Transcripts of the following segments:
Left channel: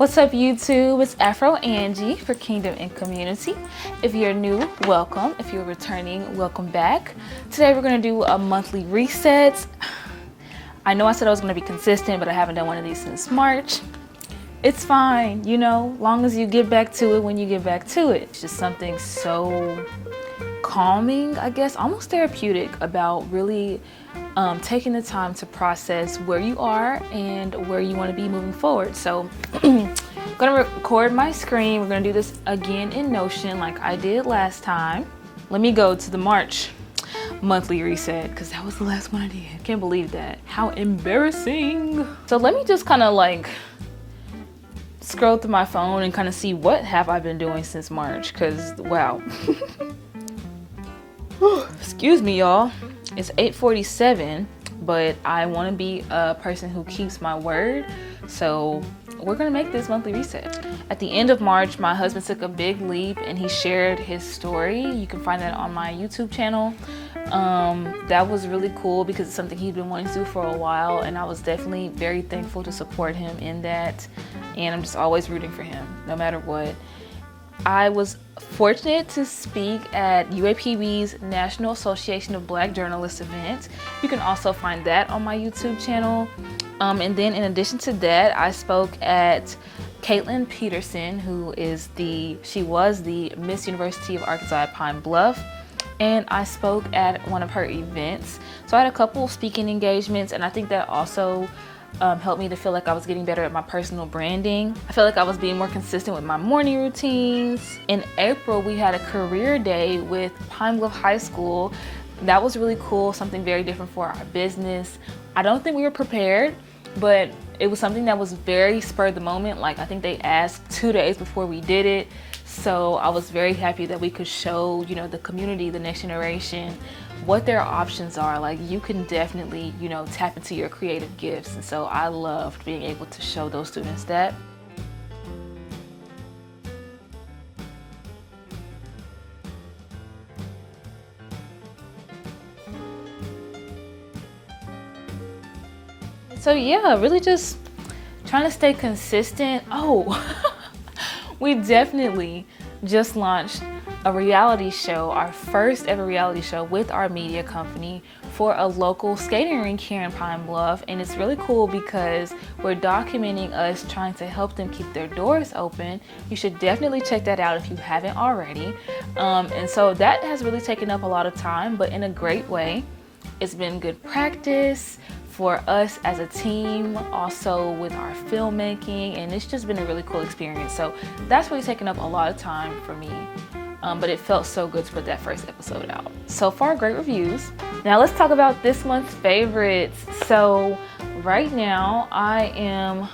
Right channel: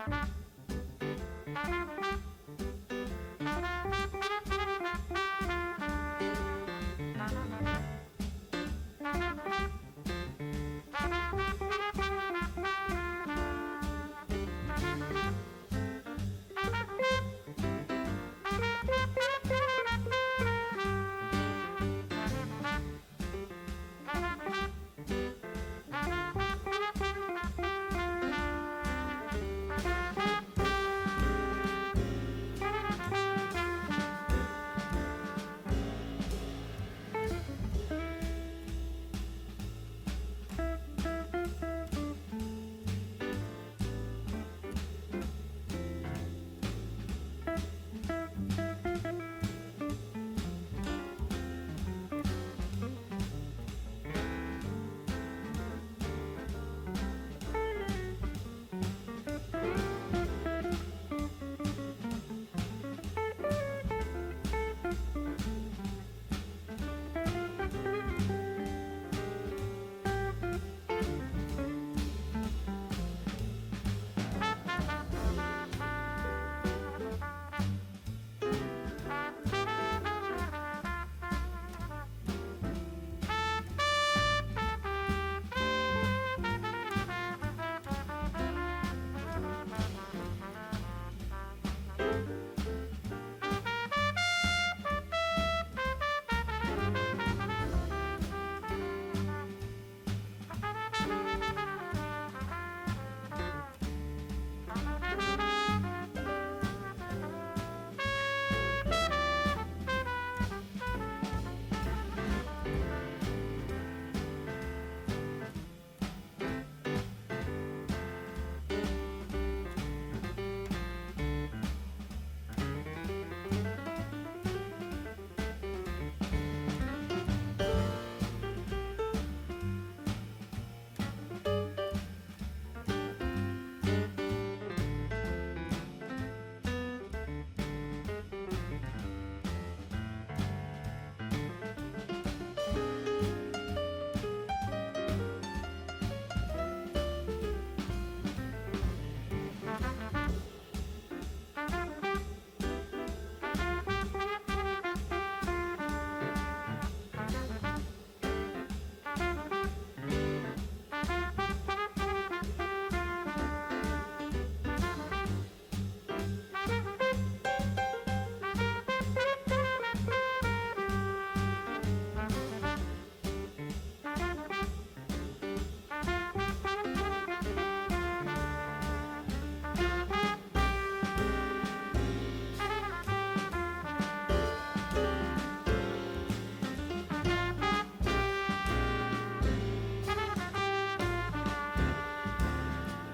What's up YouTube? It's Afro Angie for Kingdom and Community. If you're new, welcome. If you're returning, welcome back. Today we're going to do a monthly reset. I know I said I was going to be consistent, but I haven't done one of these since March. It's fine, you know, long as you get back to it when you get back to it. It's just something so calming, I guess, almost therapeutic about really taking the time to process where you are and where you want to be moving forward. So I'm gonna record my screen. We're gonna do this again in Notion like I did last time. Let me go to the March monthly reset because that was the last one I did. I can't believe that. How embarrassing. So let me just kind of like scroll through my phone and kind of see what have I been doing since March, because wow. Excuse me, y'all. It's 8:47, but I want to be a person who keeps my word. So we're going to make this monthly reset. At the end of March, my husband took a big leap and he shared his story. You can find that on my YouTube channel. That was really cool because it's something he'd been wanting to do for a while, and I was definitely very thankful to support him in that. And I'm just always rooting for him, no matter what. I was fortunate to speak at UAPB's National Association of Black Journalists event. You can also find that on my YouTube channel. And then in addition to that, I spoke at Caitlin Peterson, who is she was the Miss University of Arkansas at Pine Bluff. And I spoke at one of her events. So I had a couple of speaking engagements, and I think that also helped me to feel like I was getting better at my personal branding. I felt like I was being more consistent with my morning routines. In April, we had a career day with Pine Bluff High School. That was really cool, something very different for our business. I don't think we were prepared, but it was something that was very spur of the moment. Like, I think they asked 2 days before we did it. So I was very happy that we could show, you know, the community, the next generation, what their options are. Like, you can definitely, you know, tap into your creative gifts. And so I loved being able to show those students that. So yeah, really just trying to stay consistent. Oh, we definitely just launched a reality show, our first ever reality show with our media company for a local skating rink here in Pine Bluff. And it's really cool because we're documenting us trying to help them keep their doors open. You should definitely check that out if you haven't already. And so that has really taken up a lot of time, but in a great way. It's been good practice for us as a team, also with our filmmaking, and it's just been a really cool experience. So that's really taken up a lot of time for me, but it felt so good to put that first episode out. So far, great reviews. Now let's talk about this month's favorites. So right now I am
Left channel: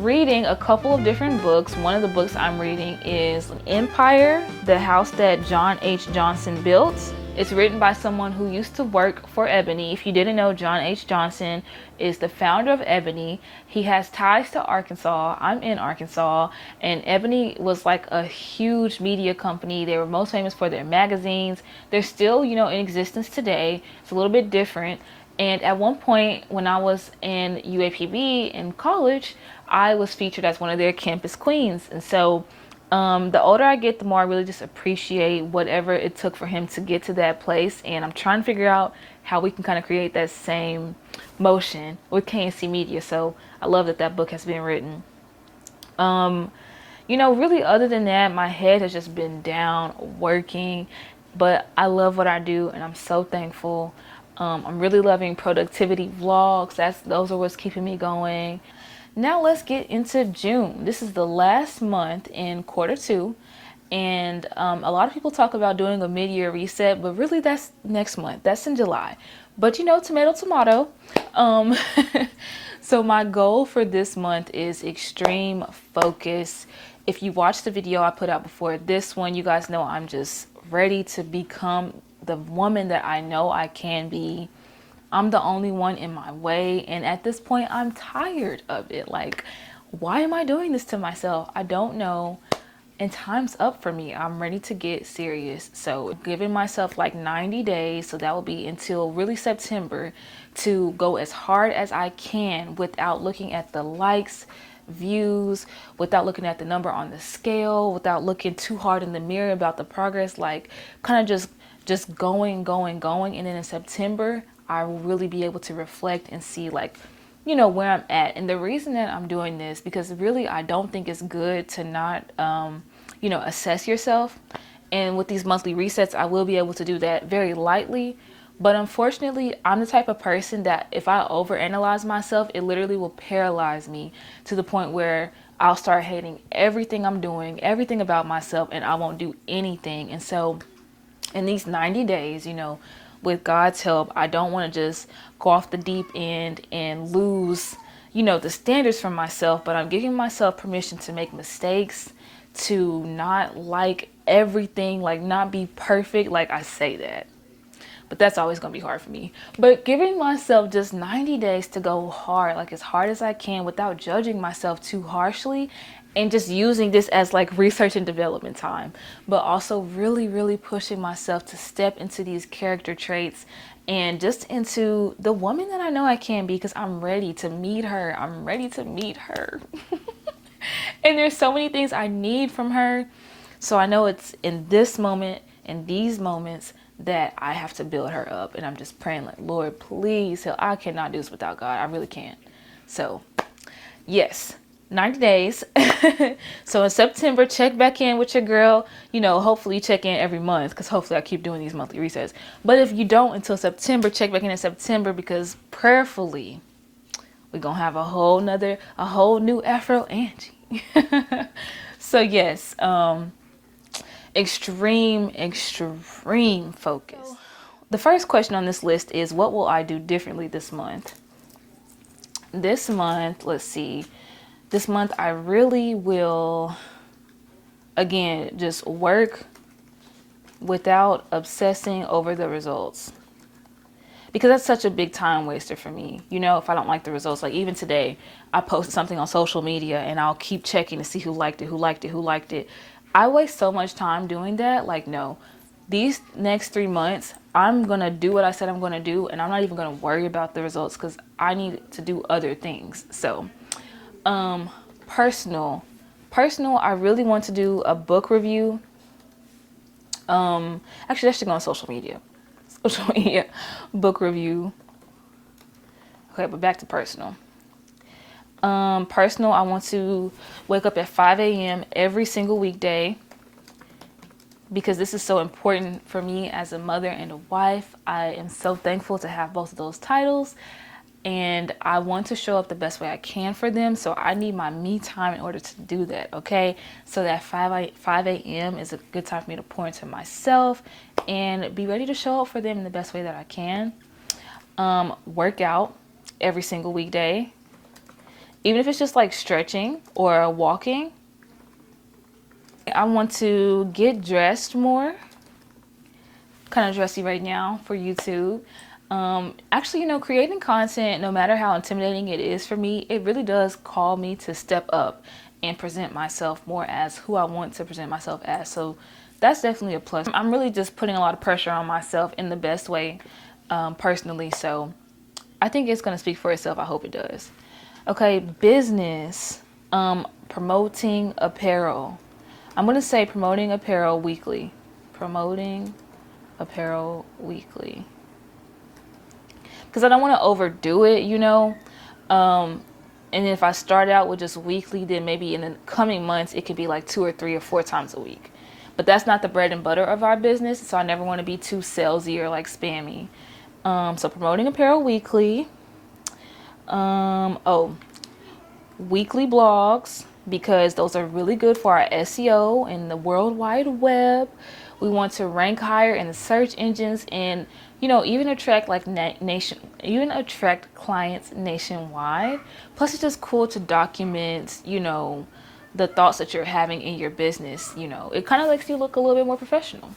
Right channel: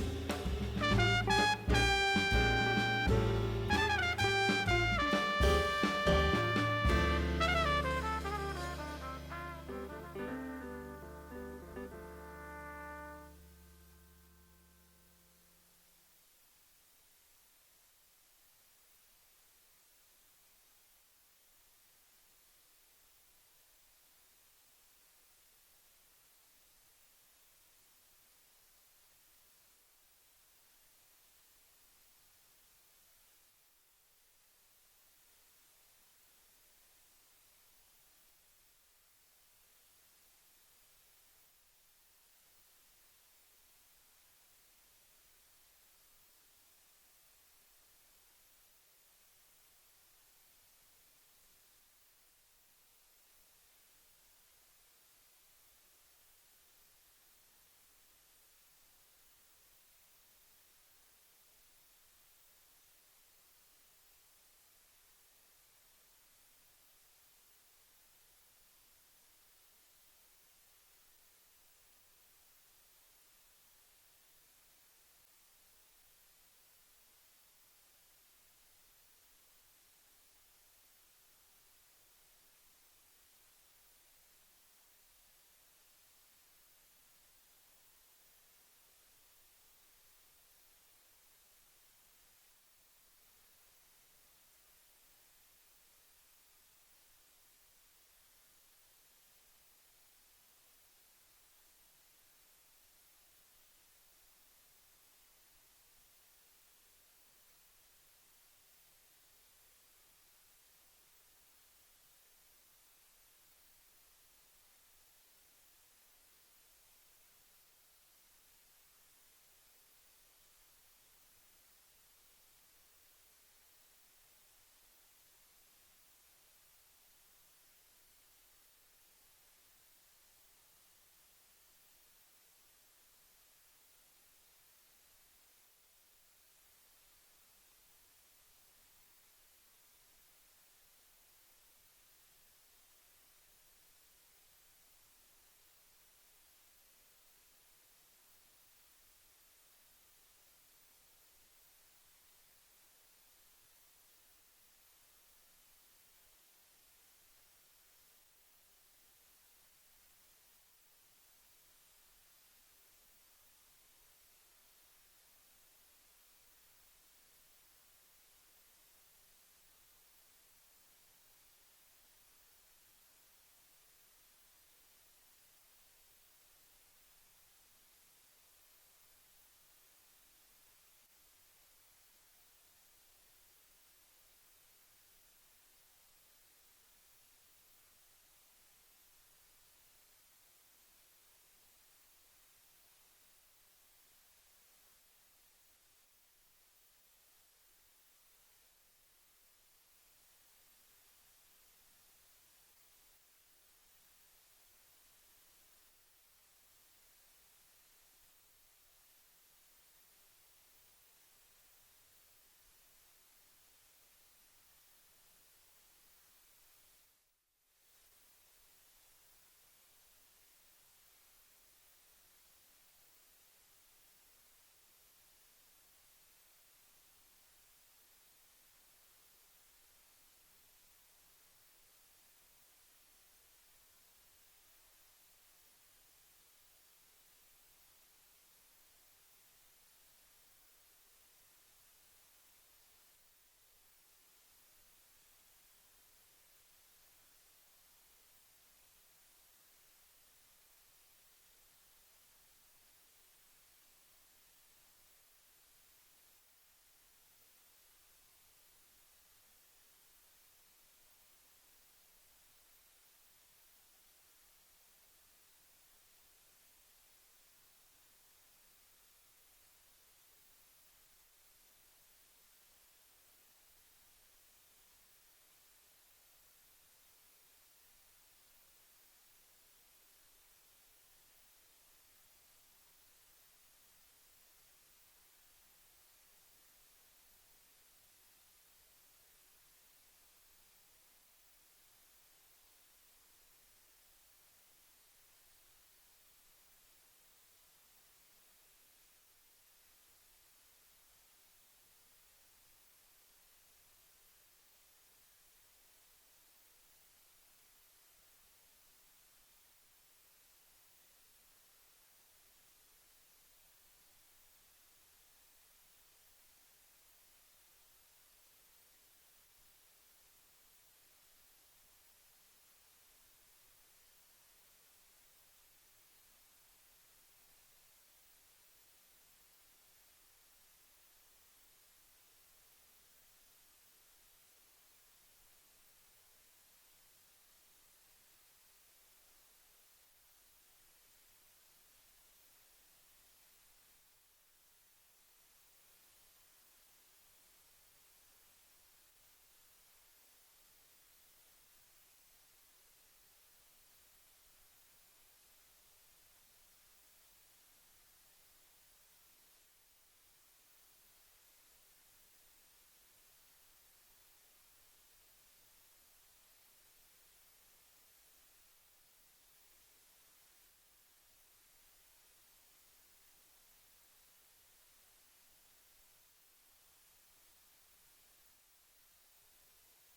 reading a couple of different books. One of the books I'm reading is Empire, The House That John H. Johnson Built. It's written by someone who used to work for Ebony. If you didn't know, John H. Johnson is the founder of Ebony. He has ties to Arkansas. I'm in Arkansas, and Ebony was like a huge media company. They were most famous for their magazines. They're still, you know, in existence today. It's a little bit different. And at one point when I was in UAPB in college, I was featured as one of their campus queens. And so the older I get, the more I really just appreciate whatever it took for him to get to that place. And I'm trying to figure out how we can kind of create that same motion with KNC Media. So I love that that book has been written. You know, really other than that, my head has just been down working, but I love what I do and I'm so thankful. I'm really loving productivity vlogs. Those are what's keeping me going. Now let's get into June. This is the last month in Q2, and a lot of people talk about doing a mid-year reset, but really that's next month. That's in July. But you know, tomato, tomato. So my goal for this month is extreme focus. If you watched the video I put out before this one, you guys know I'm just ready to become the woman that I know I can be. I'm the only one in my way, and at this point I'm tired of it. Like, why am I doing this to myself? I don't know, and time's up for me. I'm ready to get serious. So giving myself like 90 days, so that will be until really September, to go as hard as I can without looking at the likes, views, without looking at the number on the scale, without looking too hard in the mirror about the progress, like kind of just going. And then in September, I will really be able to reflect and see like, where I'm at. And the reason that I'm doing this, because really I don't think it's good to not, assess yourself. And with these monthly resets, I will be able to do that very lightly. But unfortunately, I'm the type of person that if I overanalyze myself, it literally will paralyze me to the point where I'll start hating everything I'm doing, everything about myself, and I won't do anything. And so in these 90 days, with God's help, I don't want to just go off the deep end and lose, the standards for myself, but I'm giving myself permission to make mistakes, to not like everything, like not be perfect. Like I say that, but that's always going to be hard for me. But giving myself just 90 days to go hard, like as hard as I can without judging myself too harshly, and just using this as like research and development time, but also really, really pushing myself to step into these character traits and just into the woman that I know I can be, because I'm ready to meet her. I'm ready to meet her. And there's so many things I need from her. So I know it's in this moment, in these moments, that I have to build her up. And I'm just praying like, Lord, please help. I cannot do this without God. I really can't. So yes, 90 days. So in September, check back in with your girl. Hopefully check in every month, because hopefully I keep doing these monthly resets. But if you don't until September, check back in September, because prayerfully we're going to have a whole new Afro Angie. So yes, extreme focus. The first question on this list is, what will I do differently this month? This month, let's see. This month I really will, again, just work without obsessing over the results. Because that's such a big time waster for me. If I don't like the results, like even today, I posted something on social media and I'll keep checking to see who liked it. I waste so much time doing that. Like, no, these next 3 months, I'm going to do what I said I'm going to do. And I'm not even going to worry about the results, because I need to do other things. So, personal, I really want to do a book review. Actually, that should go on social media, book review. Okay, but back to personal. Personal, I want to wake up at 5 a.m. every single weekday, because this is so important for me as a mother and a wife. I am so thankful to have both of those titles, and I want to show up the best way I can for them. So I need my me time in order to do that, okay? So that 5 a.m. is a good time for me to pour into myself and be ready to show up for them in the best way that I can. Work out every single weekday, even if it's just like stretching or walking. I want to get dressed more. Kind of dressy right now for YouTube. Actually, creating content, no matter how intimidating it is for me, it really does call me to step up and present myself more as who I want to present myself as. So that's definitely a plus. I'm really just putting a lot of pressure on myself in the best way, personally. So I think it's going to speak for itself. I hope it does. Okay, business, promoting apparel. I'm going to say promoting apparel weekly. Promoting apparel weekly. Because I don't want to overdo it, and if I start out with just weekly, then maybe in the coming months, it could be like 2 or 3 or 4 times a week. But that's not the bread and butter of our business, so I never want to be too salesy or like spammy. So promoting apparel weekly. Weekly blogs, because those are really good for our SEO and the World Wide Web. We want to rank higher in the search engines, and even attract like attract clients nationwide. Plus, it's just cool to document, the thoughts that you're having in your business. It kind of makes you look a little bit more professional,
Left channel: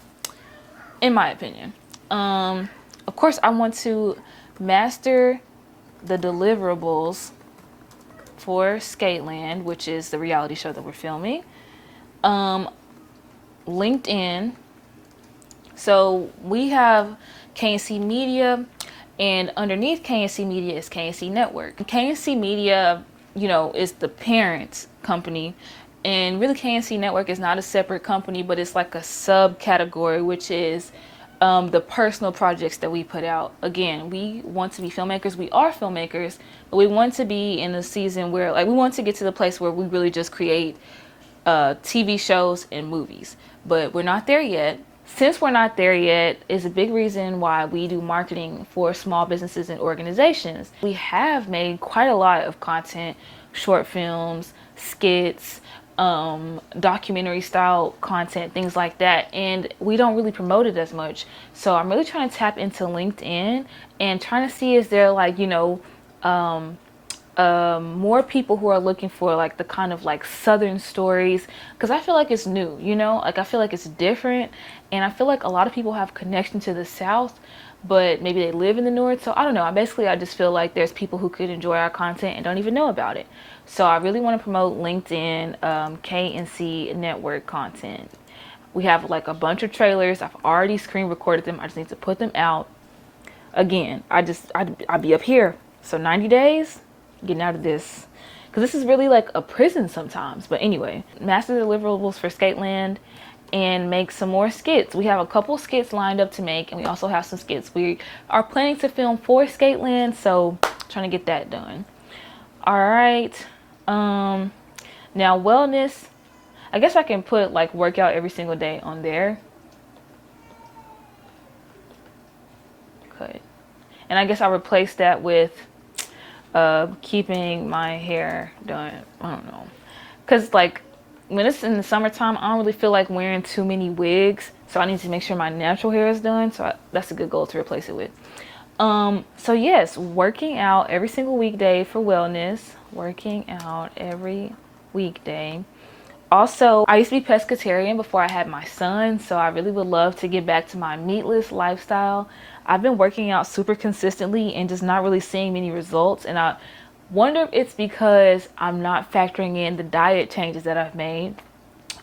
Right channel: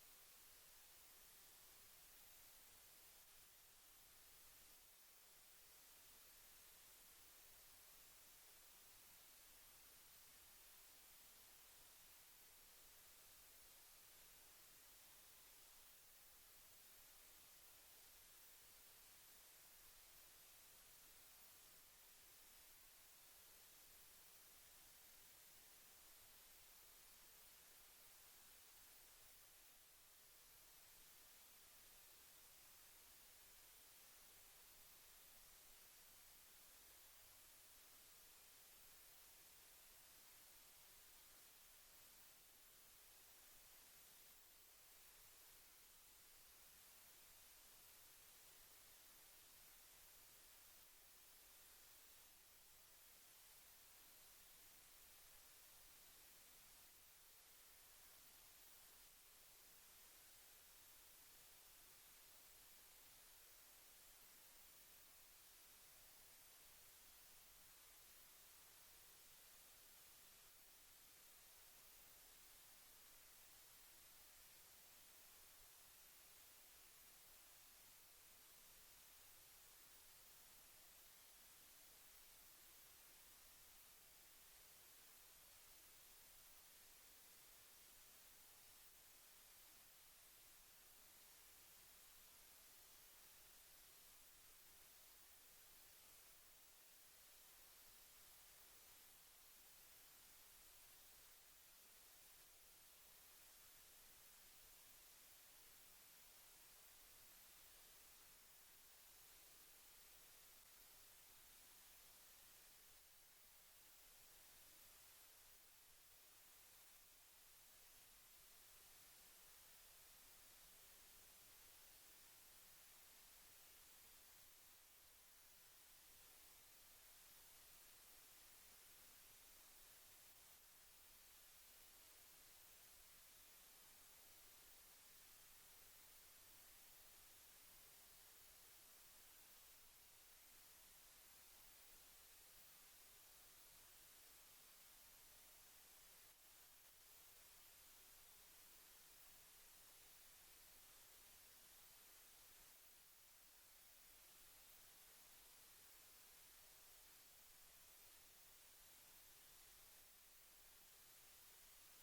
in my opinion. Of course, I want to master the deliverables for Skateland, which is the reality show that we're filming. LinkedIn. So we have KNC Media, and underneath KNC Media is KNC Network. KNC Media is the parent company. And really, KNC Network is not a separate company, but it's like a subcategory, which is the personal projects that we put out. Again, we want to be filmmakers. We are filmmakers, but we want to be in a season where, like, we want to get to the place where we really just create TV shows and movies. But we're not there yet. Since we're not there yet is a big reason why we do marketing for small businesses and organizations. We have made quite a lot of content, short films, skits, documentary style content, things like that, and we don't really promote it as much. So I'm really trying to tap into LinkedIn and trying to see, is there like more people who are looking for like the kind of like southern stories, because I feel like it's new, like I feel like it's different, and I feel like a lot of people have connection to the South, but maybe they live in the North. So I don't know, I just feel like there's people who could enjoy our content and don't even know about it. So I really want to promote LinkedIn, KNC Network content. We have like a bunch of trailers. I've already screen recorded them. I just need to put them out. Again, I'd be up here. So 90 days, getting out of this. Because this is really like a prison sometimes. But anyway, master deliverables for Skateland and make some more skits. We have a couple skits lined up to make, and we also have some skits we are planning to film for Skateland. So trying to get that done. All right. Now wellness, I guess I can put like workout every single day on there. Good. And I guess I'll replace that with keeping my hair done. I don't know. Because like when it's in the summertime, I don't really feel like wearing too many wigs. So I need to make sure my natural hair is done. So that's a good goal to replace it with. So yes, working out every single weekday for wellness. Working out every weekday. Also, I used to be pescatarian before I had my son, so I really would love to get back to my meatless lifestyle. I've been working out super consistently and just not really seeing many results, and I wonder if it's because I'm not factoring in the diet changes that I've made,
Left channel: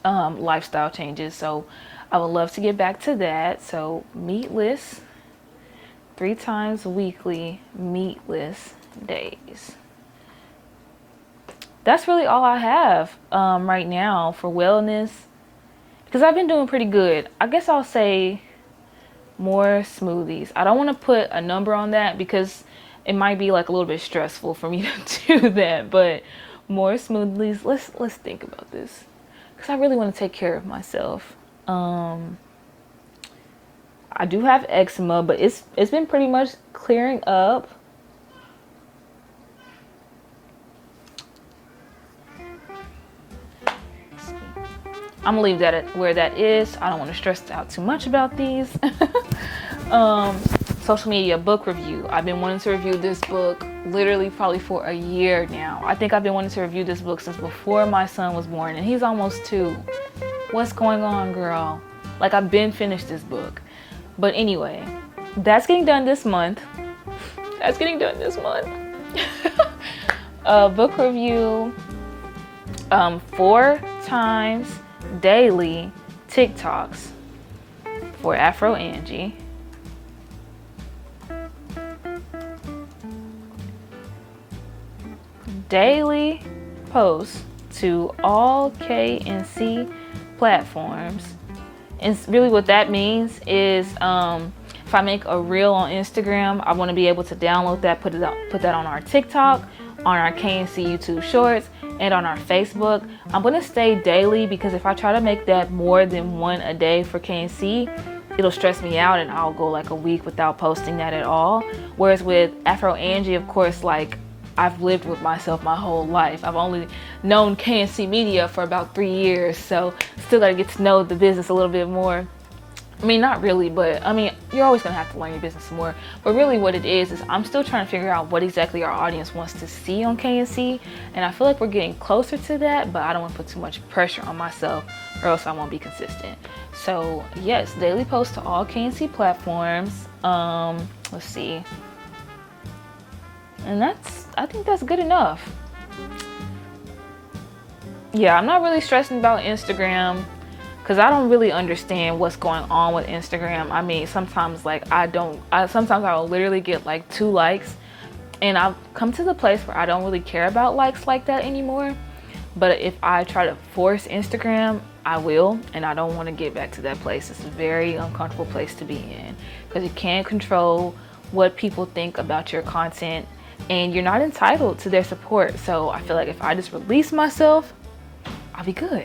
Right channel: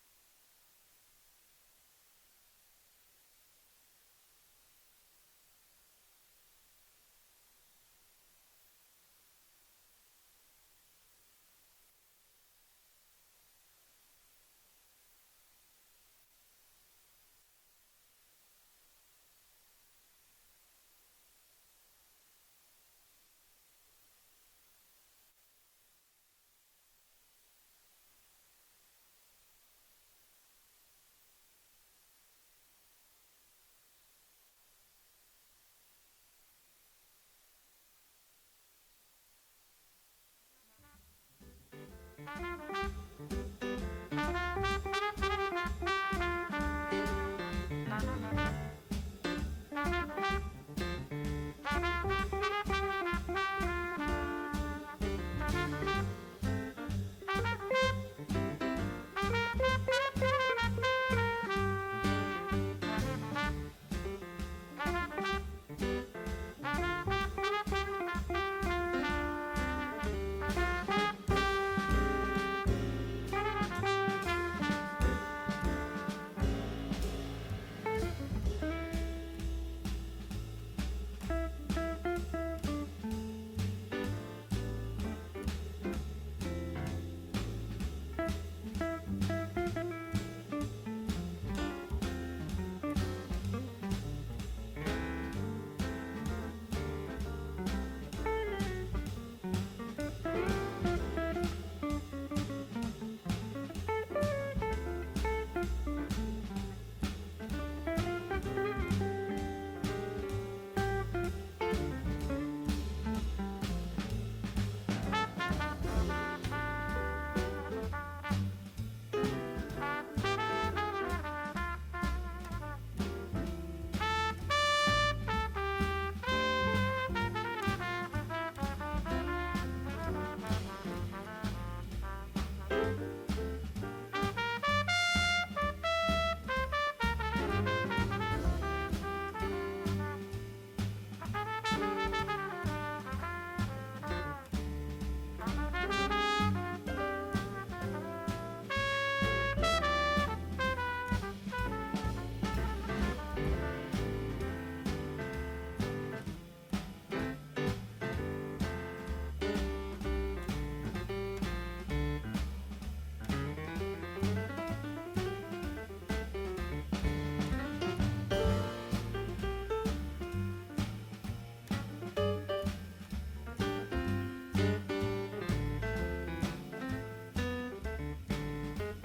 lifestyle changes. So I would love to get back to that. So meatless, 3 times weekly, meatless days. That's really all I have right now for wellness, because I've been doing pretty good. I guess I'll say more smoothies. I don't want to put a number on that because it might be like a little bit stressful for me to do that, but more smoothies. Let's think about this, because I really want to take care of myself. I do have eczema, but it's been pretty much clearing up. I'm gonna leave that at where that is. I don't want to stress out too much about these. Social media book review. I've been wanting to review this book literally probably for a year now. I think I've been wanting to review this book since before my son was born, and he's almost 2. What's going on, girl? Like, I've been finished this book. But anyway, that's getting done this month. Book review, 4 times daily TikToks for Afro Angie. Daily posts to all KNC platforms. And really what that means is if I make a reel on Instagram, I want to be able to download that, put that on our TikTok, on our KNC YouTube Shorts, and on our Facebook. I'm going to stay daily, because if I try to make that more than 1 a day for KNC, it'll stress me out and I'll go like a week without posting that at all. Whereas with Afro Angie, of course, like, I've lived with myself my whole life. I've only known KNC Media for about 3 years, so still gotta get to know the business a little bit more. I mean, not really, but I mean, you're always gonna have to learn your business more. But really what it is I'm still trying to figure out what exactly our audience wants to see on KNC, and I feel like we're getting closer to that, but I don't want to put too much pressure on myself or else I won't be consistent. So yes, daily posts to all KNC platforms. Let's see. And I think that's good enough. Yeah, I'm not really stressing about Instagram, because I don't really understand what's going on with Instagram. I mean, sometimes like sometimes I will literally get like 2 likes And I've come to the place where I don't really care about likes like that anymore. But if I try to force Instagram, I will, and I don't want to get back to that place. It's a very uncomfortable place to be in because you can't control what people think about your content, and you're not entitled to their support. So I feel like if I just release myself, I'll be good.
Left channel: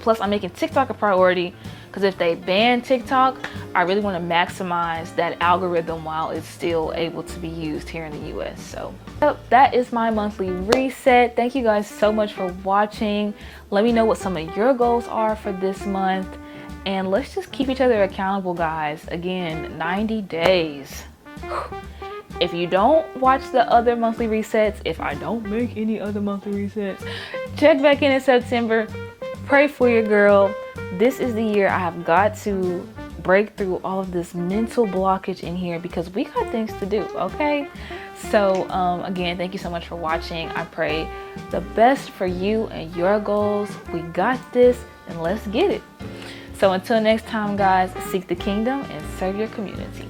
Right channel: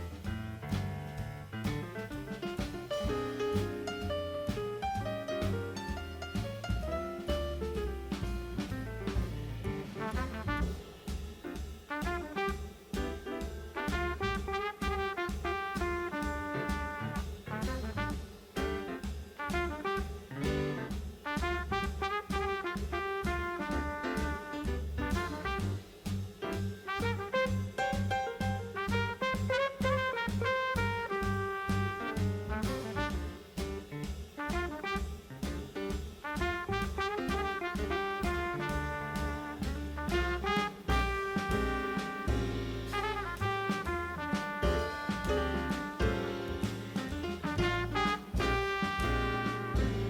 Plus, I'm making TikTok a priority because if they ban TikTok, I really want to maximize that algorithm while it's still able to be used here in the US. So that is my monthly reset. Thank you guys so much for watching. Let me know what some of your goals are for this month. And let's just keep each other accountable, guys. Again, 90 days. If you don't watch the other monthly resets, if I don't make any other monthly resets, check back in September. Pray for your girl. This is the year I have got to break through all of this mental blockage in here because we got things to do, okay? So again, thank you so much for watching. I pray the best for you and your goals. We got this, and let's get it. So until next time, guys, seek the kingdom and serve your community.